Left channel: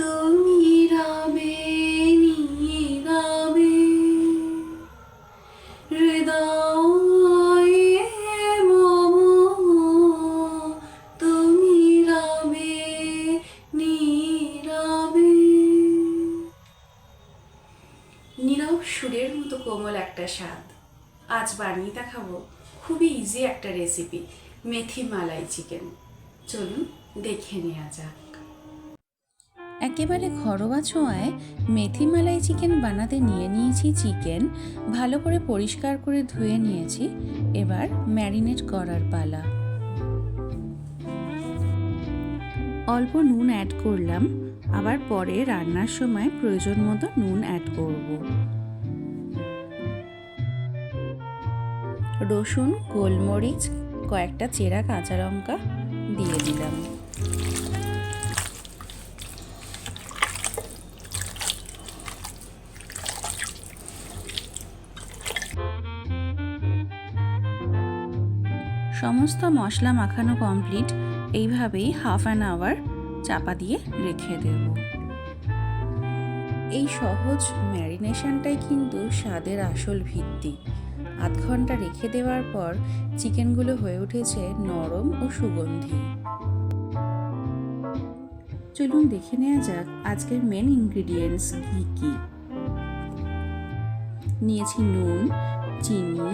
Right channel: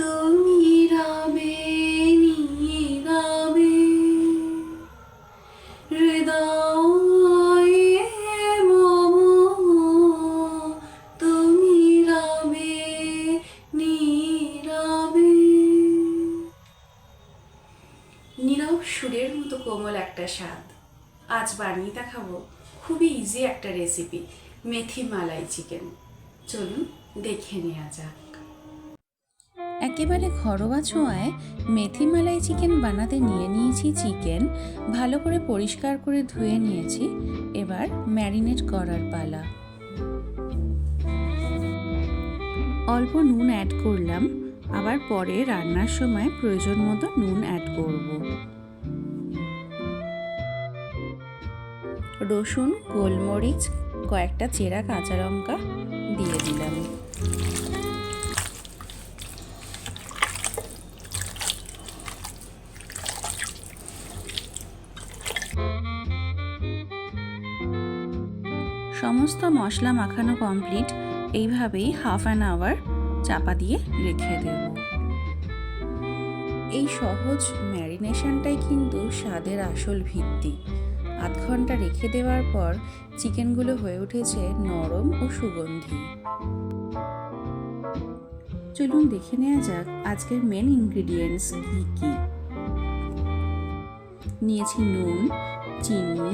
তুমি রবে নীরবে হৃদয়ে মম, তুমি রবে নীরবে। নীরব সুরের মতো কোমল একটা স্বাদ। আজ বানিয়ে দেখাবো খুবই ইজি একটা রেসিপি, মেথি মালাই চিকেন। চলুন দেখে নেওয়া যাক। একেবারে ঘরোয়া ছোঁয়ায় মেথি মালাই চিকেন বানাতে নিয়ে নিয়েছি চিকেন, ভালো করে পরিষ্কার করে ধুয়ে নিয়েছি। এবার ম্যারিনেট করার পালা। অল্প নুন অ্যাড করলাম, আবার পরে রান্নার সময় প্রয়োজন মতো নুন অ্যাড করব। রসুন, গোলমরিচ, কয়েকটা চেরা কাঁচা লঙ্কা দিয়ে দিলাম। সমস্ত মশলা মাখানো কমপ্লিট। এইভাবেই হাফ অ্যান আওয়ার চাপা দিয়ে রেখে দেব। এই সহজ ম্যারিনেশনটাই কিন্তু স্বাদের আসল ভিত্তি। আধ ঘন্টা রেখে দেওয়ার পর চিকেনগুলো হয়ে উঠেছে নরম ও সুগন্ধি। চলুন দেখে নেওয়া যাক আজকের মেন ইনগ্রিডিয়েন্টস কী কী। নিয়েছি নুন, চিনি,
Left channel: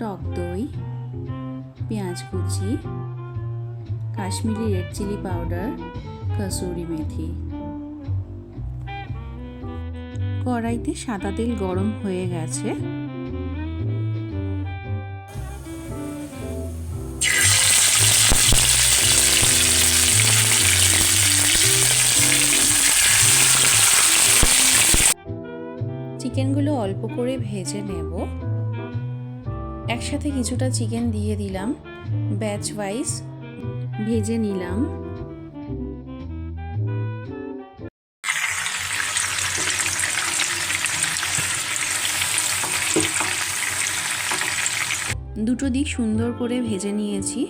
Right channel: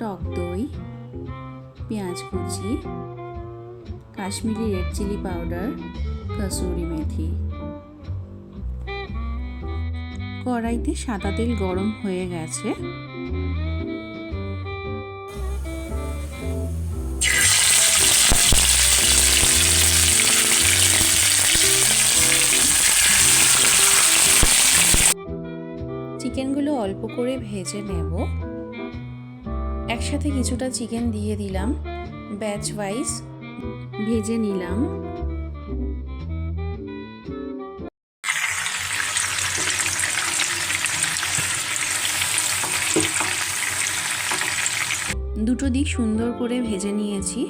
টক দই, পেঁয়াজ কুচি, Kashmiri red chilli powder, kasuri methi. কড়াইতে সাদা তেল গরম হয়ে গেছে। চিকেনগুলো অল্প করে ভেজে নেব। একসাথে কিছুটা চিকেন দিয়ে দিলাম, ব্যাচ ওয়াইজ ভেজে নিলাম। দুটো দিক সুন্দর করে ভেজে নিয়েছি,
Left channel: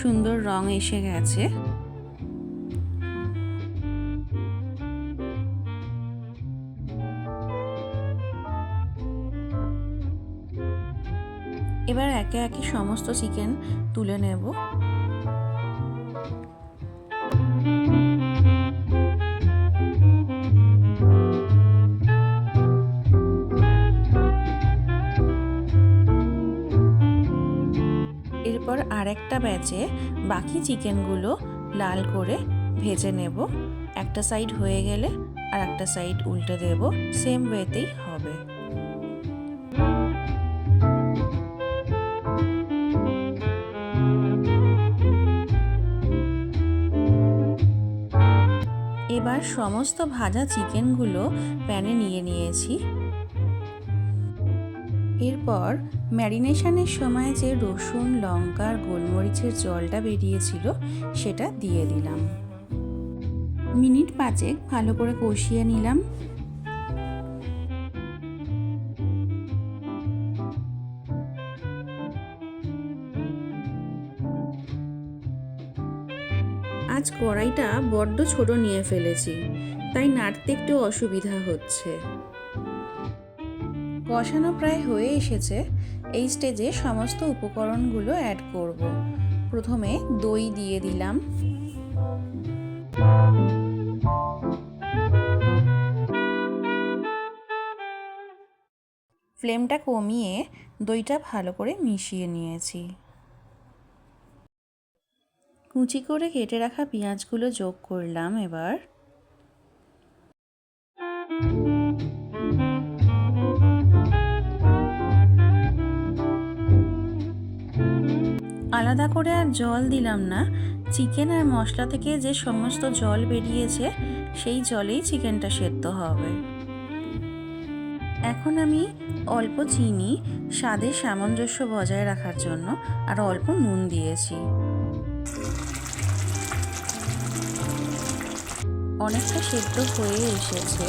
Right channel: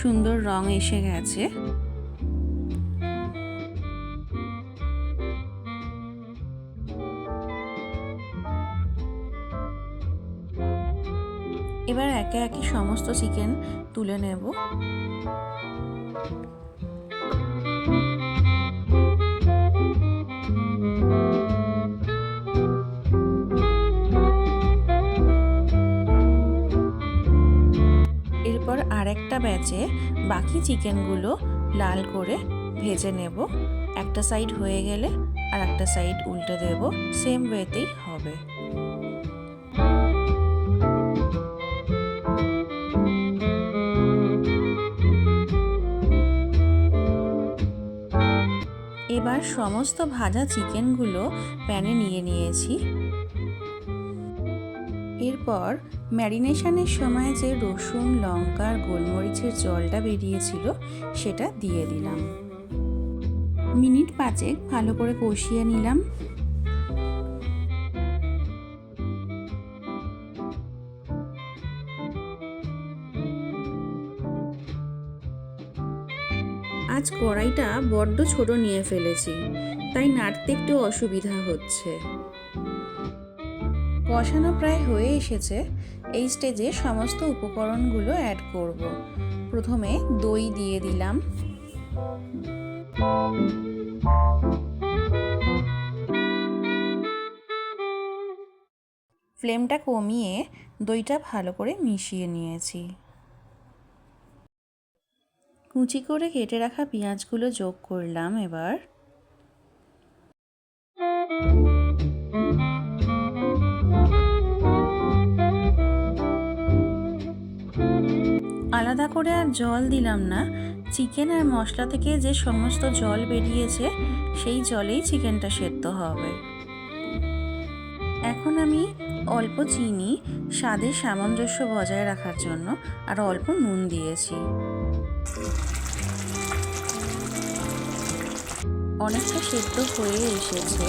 সুন্দর রং এসে গেছে। এবার একে একে সমস্ত চিকেন তুলে নেব। এরপর আরেকটা ব্যাচে বাকি চিকেনগুলো লাল করে ভেজে নেব। একটা সাইড হয়ে গেলে আর একটা সাইড উল্টে দেব, সেম ওয়েতেই হবে। এবার সমস্ত ভাজা চিকেনগুলো প্যানে নিয়ে নিয়েছি। এরপর ম্যারিনেশনের সময় যে রসুন, লঙ্কা আর গোলমরিচের জলটা বেরিয়েছিল সেটা দিয়ে দিলাম। মিনিট 5 ভালো করে কষিয়ে নিলাম। আজ কড়াইটা বড্ড ছোট নিয়ে ফেলেছি, তাই নাড়তে একটু অসুবিধা হচ্ছে। কষানো প্রায় হয়ে এসেছে। এই স্টেজে সমস্ত উপকরণগুলো অ্যাড করব। প্রথমে দই দিয়ে দিলাম, ফ্লেমটা কমিয়ে দইটা ভালো করে মিশিয়ে নিয়েছি। কুচি করে কেটে রাখা পেঁয়াজগুলো যোগ করলাম। এবার আলাদা করে আর জল দিলাম না, চিকেন আর মশলা থেকে যে সমস্ত জল বেরিয়েছে সেই জলেই চিকেনটা সেদ্ধ হবে। এখন আমি অল্প চিনি স্বাদের সামঞ্জস্য বজায় রাখার জন্য আর অল্প নুন দিয়েছি। অনেকটা সেদ্ধ হয়ে এসেছে।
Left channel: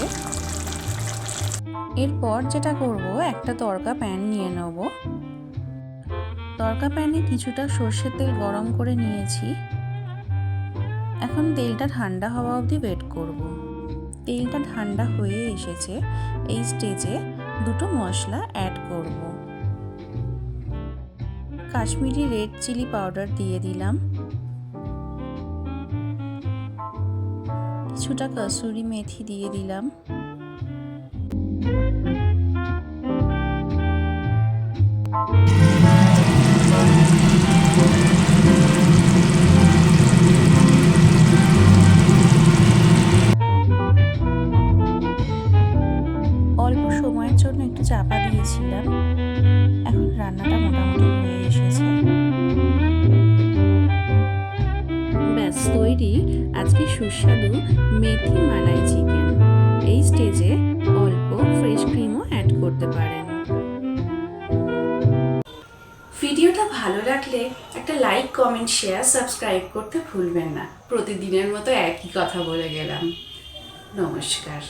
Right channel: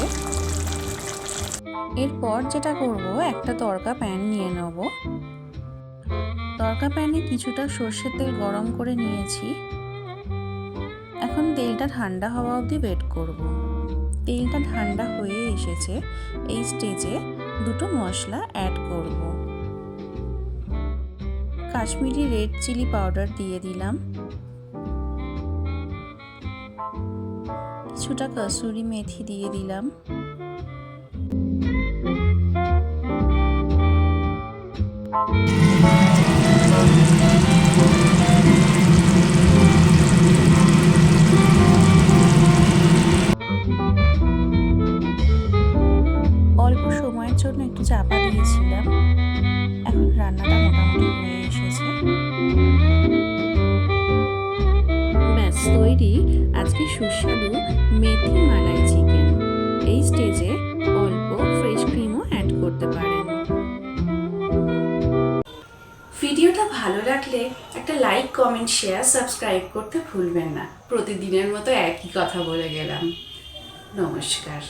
এরপর যেটা করব, একটা তড়কা প্যান নিয়ে নেব। তড়কা প্যানে কিছুটা সর্ষের তেল গরম করে নিয়েছি। এখন তেলটা ঠান্ডা হওয়া অবধি ওয়েট করব। তেলটা ঠান্ডা হয়ে এসেছে, এই স্টেজে দুটো মশলা অ্যাড করব। কাশ্মীরি রেড চিলি পাউডার দিয়ে দিলাম, কিছুটা কসুরি মেথি দিয়ে দিলাম, অল্প সময়ের জন্য একটু চাপা দিয়েছিলাম। এখন রান্নাটা মোটামুটি হয়ে এসেছে। ব্যাস তৈরি আজকে সুস্বাদু মেথি মালাই চিকেন। এই স্টেজে অল্প ফ্রেশ ক্রিমও অ্যাড করতে পারেন। ভিডিওটা ভালো লাগলে একটা লাইক, কমেন্ট, শেয়ার, সাবস্ক্রাইব করতে ভুলবেন না। প্রতিদিনের মতো একই কথা বলে গেলাম। নমস্কার।